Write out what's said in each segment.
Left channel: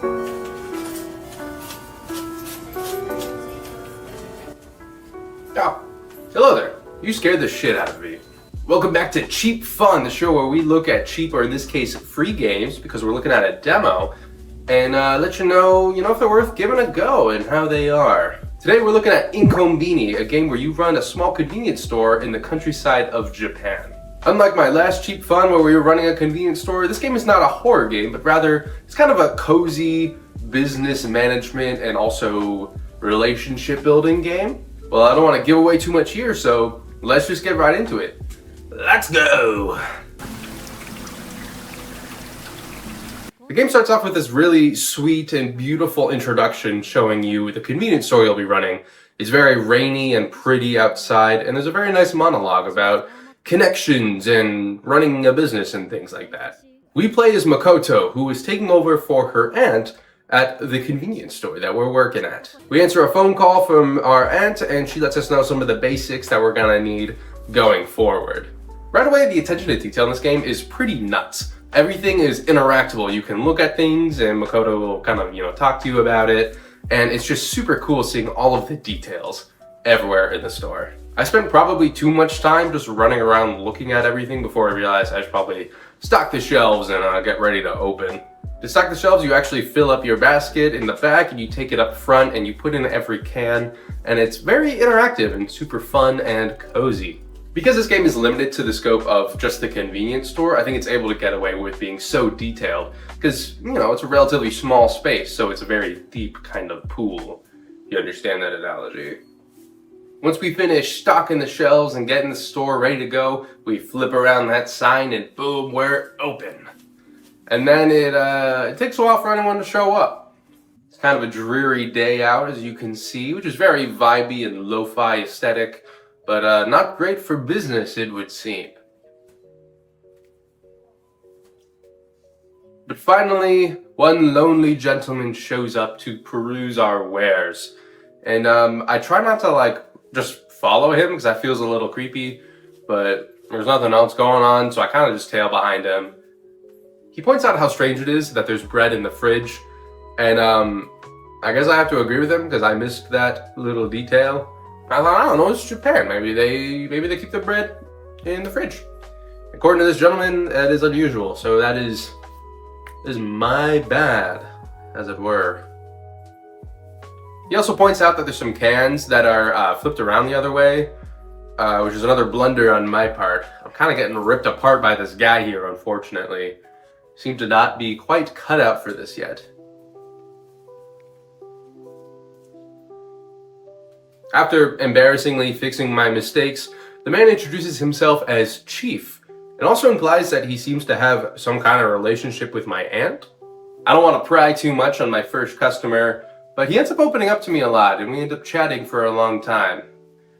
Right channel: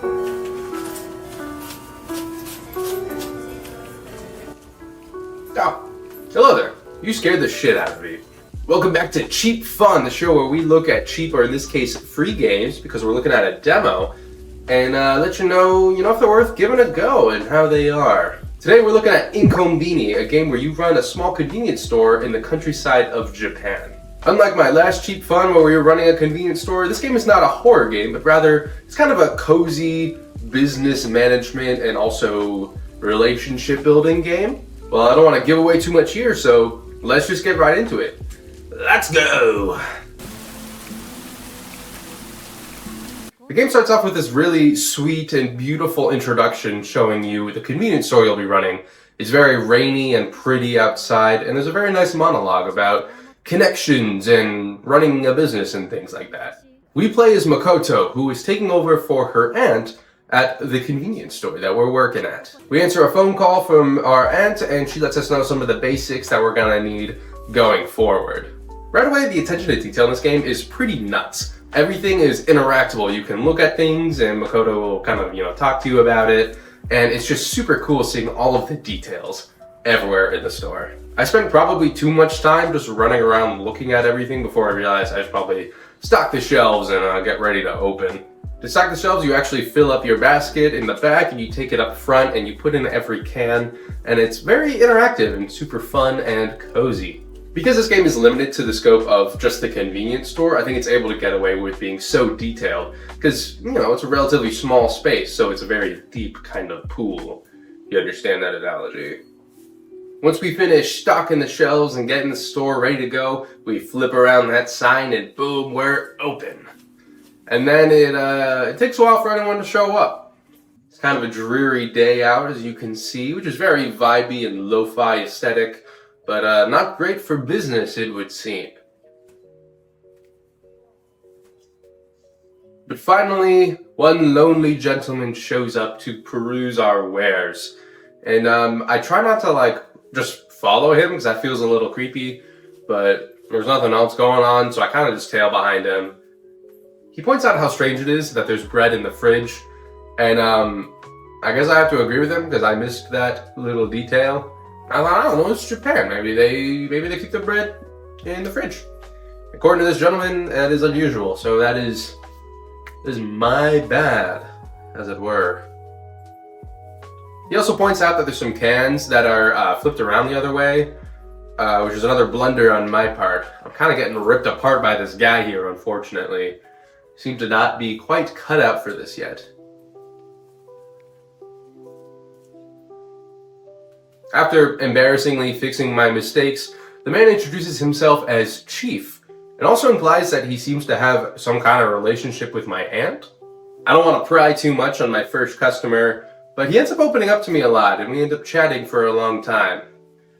Oh, hello there. You scared the shit out of me. Welcome back to Cheap Fun, the show where we look at cheap, or in this case, free games, because we're looking at a demo, and let you know if they're worth giving a go and how they are. Today we're looking at InKonbini, a game where you run a small convenience store in the countryside of Japan. Unlike my last Cheap Fun where we were running a convenience store, this game is not a horror game, but rather it's kind of a cozy business management and also relationship building game. Well, I don't want to give away too much here, so let's just get right into it. Let's go! The game starts off with this really sweet and beautiful introduction showing you the convenience store you'll be running. It's very rainy and pretty outside, and there's a very nice monologue about connections and running a business and things like that. We play as Makoto, who is taking over for her aunt at the convenience store that we're working at. We answer a phone call from our aunt, and she lets us know some of the basics that we're gonna need going forward. Right away, the attention to detail in this game is pretty nuts. Everything is interactable. You can look at things and Makoto will kind of, talk to you about it. And it's just super cool seeing all of the details everywhere in the store. I spent probably too much time just running around looking at everything before I realized I should probably stock the shelves and get ready to open. To stock the shelves, you actually fill up your basket in the back and you take it up front and you put in every can. And it's very interactive and super fun and cozy. Because this game is limited to the scope of just the convenience store, I think it's able to get away with being so detailed because, it's a relatively small space, so it's a very deep kind of pool. You understand that analogy? Once we finish stocking the shelves and getting the store ready to go, we flip around that sign and boom, we're open. And then it takes a while for anyone to show up. It's kind of a dreary day out, as you can see, which is very vibey and lo-fi aesthetic. But not great for business, it would seem. But finally, one lonely gentleman shows up to peruse our wares. And I try not to just follow him because that feels a little creepy, but there's nothing else going on, so I kind of just tail behind him. He points out how strange it is that there's bread in the fridge, and I guess I have to agree with him because I missed that little detail. I don't know, it's Japan. Maybe they keep the bread in the fridge. According to this gentleman, that is unusual. So that is my bad, as it were. He also points out that there's some cans that are flipped around the other way, which is another blunder on my part. I'm kind of getting ripped apart by this guy here, unfortunately. Seems to not be quite cut out for this yet. After embarrassingly fixing my mistakes, the man introduces himself as Chief. It also implies that he seems to have some kind of relationship with my aunt. I don't want to pry too much on my first customer, but he ends up opening up to me a lot and we end up chatting for a long time.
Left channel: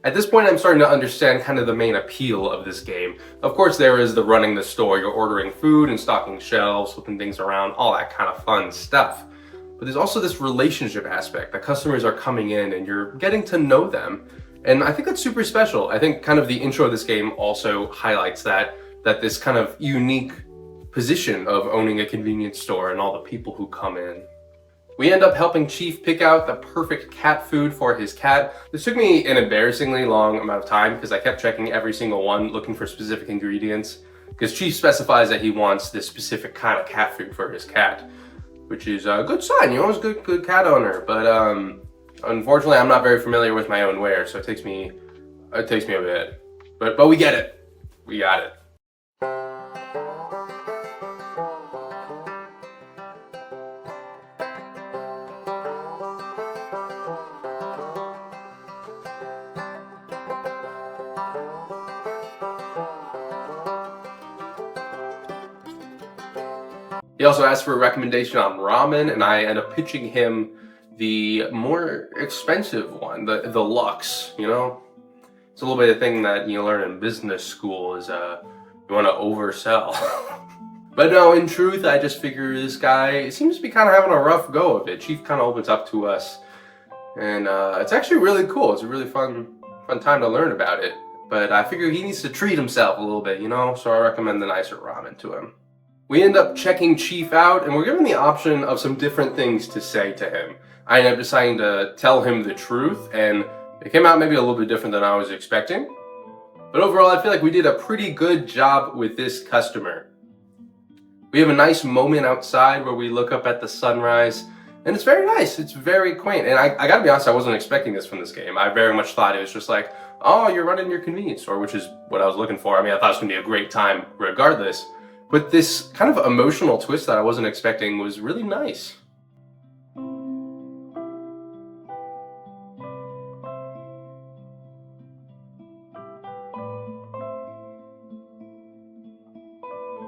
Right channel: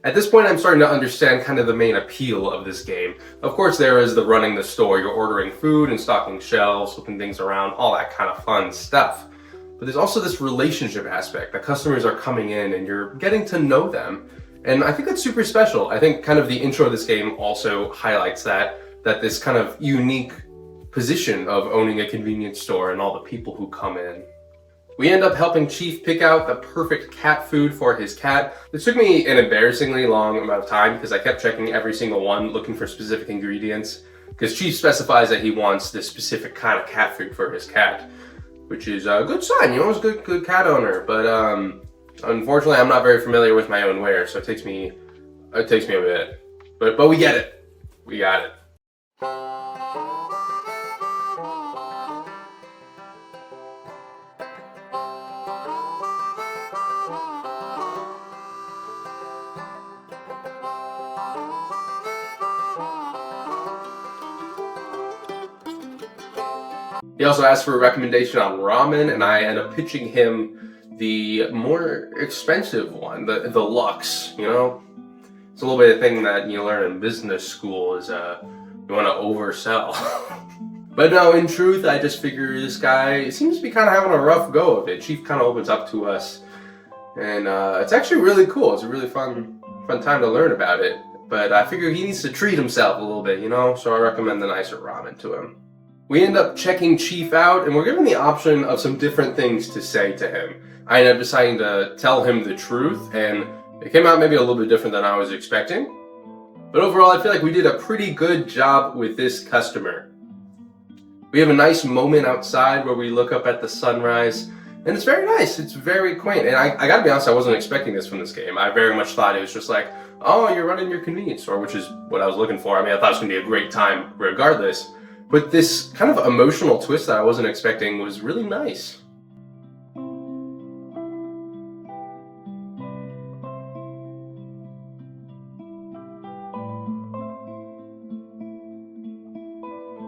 At this point, I'm starting to understand kind of the main appeal of this game. Of course, there is the running the store. You're ordering food and stocking shelves, flipping things around, all that kind of fun stuff. But there's also this relationship aspect. The customers are coming in and you're getting to know them. And I think that's super special. I think kind of the intro of this game also highlights that this kind of unique position of owning a convenience store and all the people who come in. We end up helping Chief pick out the perfect cat food for his cat. This took me an embarrassingly long amount of time because I kept checking every single one looking for specific ingredients. Because Chief specifies that he wants this specific kind of cat food for his cat, which is a good sign, he's a good cat owner. But unfortunately, I'm not very familiar with my own wares, so it takes me a bit. But we get it. We got it. He also asked for a recommendation on ramen, and I end up pitching him the more expensive one, the Lux, It's a little bit of thing that you learn in business school is you want to oversell. But no, in truth, I just figure this guy seems to be kind of having a rough go of it. Chief kind of opens up to us, and it's actually really cool. It's a really fun time to learn about it. But I figure he needs to treat himself a little bit, So I recommend the nicer ramen to him. We end up checking Chief out, and we're given the option of some different things to say to him. I ended up deciding to tell him the truth, and it came out maybe a little bit different than I was expecting. But overall, I feel like we did a pretty good job with this customer. We have a nice moment outside where we look up at the sunrise, and it's very nice. It's very quaint. And I gotta be honest, I wasn't expecting this from this game. I very much thought it was just like, oh, you're running your convenience store, which is what I was looking for. I mean, I thought it was gonna be a great time regardless. But this kind of emotional twist that I wasn't expecting was really nice.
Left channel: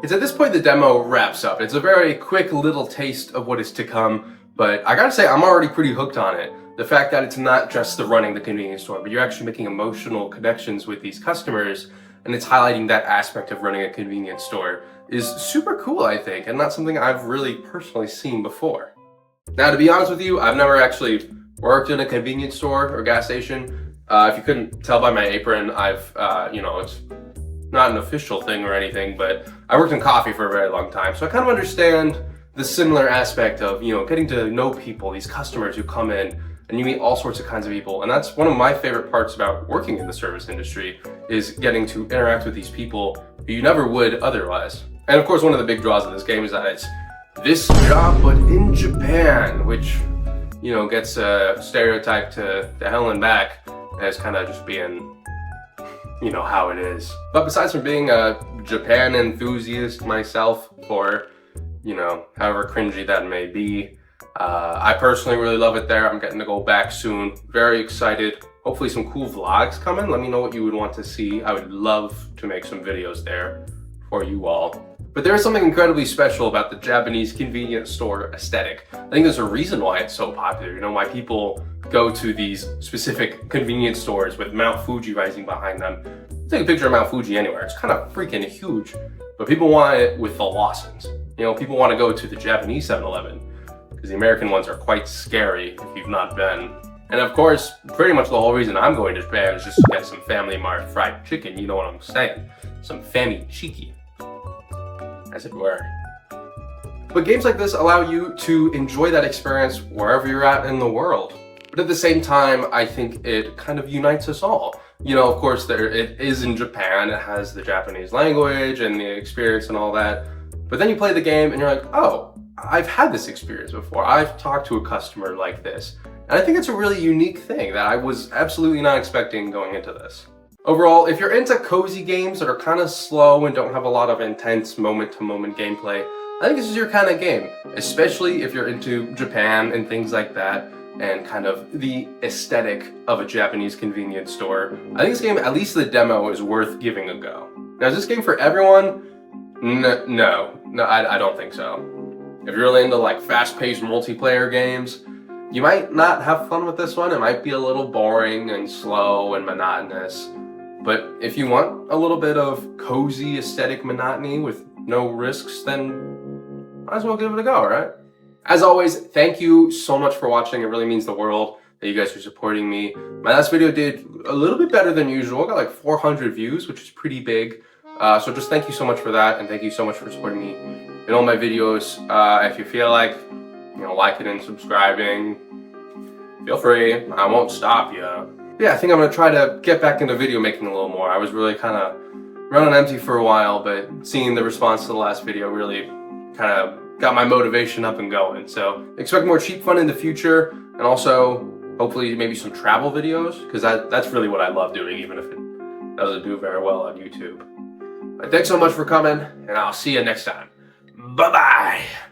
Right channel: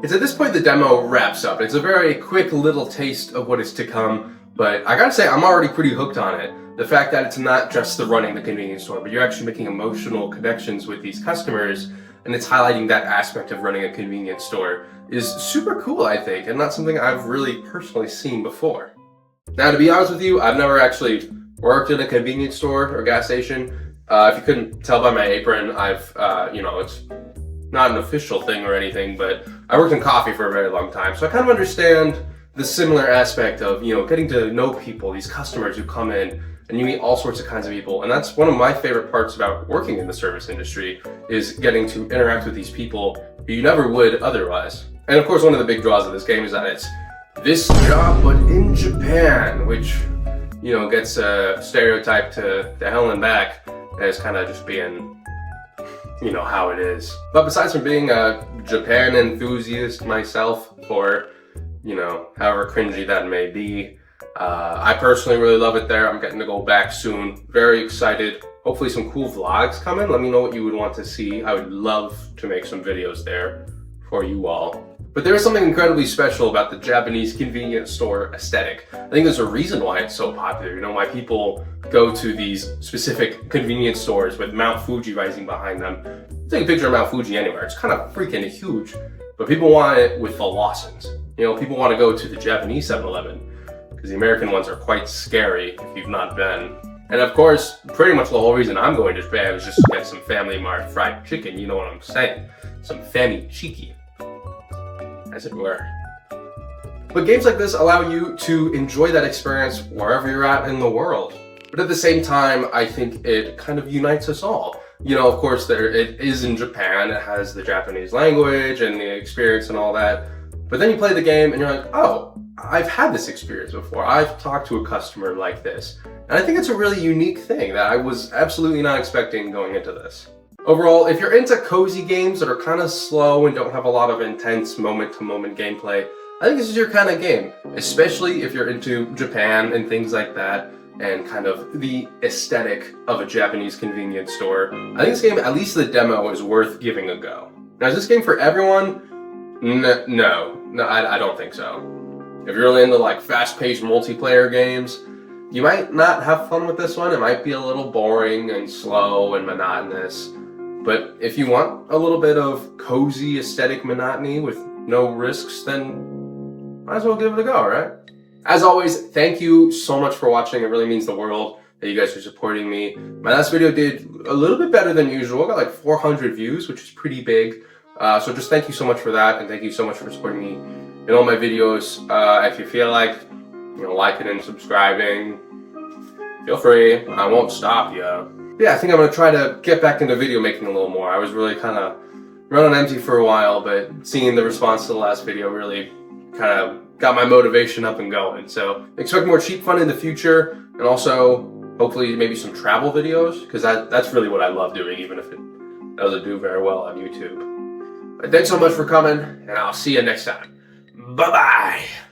It's at this point the demo wraps up. It's a very quick little taste of what is to come, but I gotta say I'm already pretty hooked on it. The fact that it's not just the running the convenience store, but you're actually making emotional connections with these customers, and it's highlighting that aspect of running a convenience store is super cool, I think, and not something I've really personally seen before. Now, to be honest with you, I've never actually worked in a convenience store or gas station. If you couldn't tell by my apron, I've, it's not an official thing or anything, but I worked in coffee for a very long time, so I kind of understand the similar aspect of, getting to know people, these customers who come in, and you meet all sorts of kinds of people. And that's one of my favorite parts about working in the service industry, is getting to interact with these people who you never would otherwise. And of course, one of the big draws of this game is that it's this job, but in Japan, which, gets stereotyped to hell and back as kind of just being how it is. But besides from being a Japan enthusiast myself, for, however cringy that may be, I personally really love it there. I'm getting to go back soon. Very excited. Hopefully some cool vlogs coming. Let me know what you would want to see. I would love to make some videos there for you all. But there is something incredibly special about the Japanese convenience store aesthetic. I think there's a reason why it's so popular, why people go to these specific convenience stores with Mount Fuji rising behind them. Take a picture of Mount Fuji anywhere, it's kind of freaking huge. But people want it with the Lawsons. People want to go to the Japanese 7-Eleven, because the American ones are quite scary if you've not been. And of course, pretty much the whole reason I'm going to Japan is just to get some Family Mart fried chicken, you know what I'm saying? Some fami chiki, as it were. But games like this allow you to enjoy that experience wherever you're at in the world. But at the same time, I think it kind of unites us all. Of course, it is in Japan, it has the Japanese language and the experience and all that. But then you play the game and you're like, oh, I've had this experience before. I've talked to a customer like this. And I think it's a really unique thing that I was absolutely not expecting going into this. Overall, if you're into cozy games that are kind of slow and don't have a lot of intense moment-to-moment gameplay, I think this is your kind of game, especially if you're into Japan and things like that, and kind of the aesthetic of a Japanese convenience store. I think this game, at least the demo, is worth giving a go. Now, is this game for everyone? No, I don't think so. If you're really into like fast-paced multiplayer games, you might not have fun with this one. It might be a little boring and slow and monotonous. But if you want a little bit of cozy aesthetic monotony with no risks, then might as well give it a go, right? As always, thank you so much for watching. It really means the world that you guys are supporting me. My last video did a little bit better than usual. I got like 400 views, which is pretty big. So just thank you so much for that, and thank you so much for supporting me in all my videos. If you feel like, liking and subscribing, feel free. I won't stop you. Yeah, I think I'm gonna try to get back into video making a little more. I was really kind of running empty for a while, but seeing the response to the last video really kind of got my motivation up and going. So expect more cheap fun in the future, and also hopefully maybe some travel videos, because that's really what I love doing, even if it doesn't do very well on YouTube. But thanks so much for coming, and I'll see you next time. Bye-bye!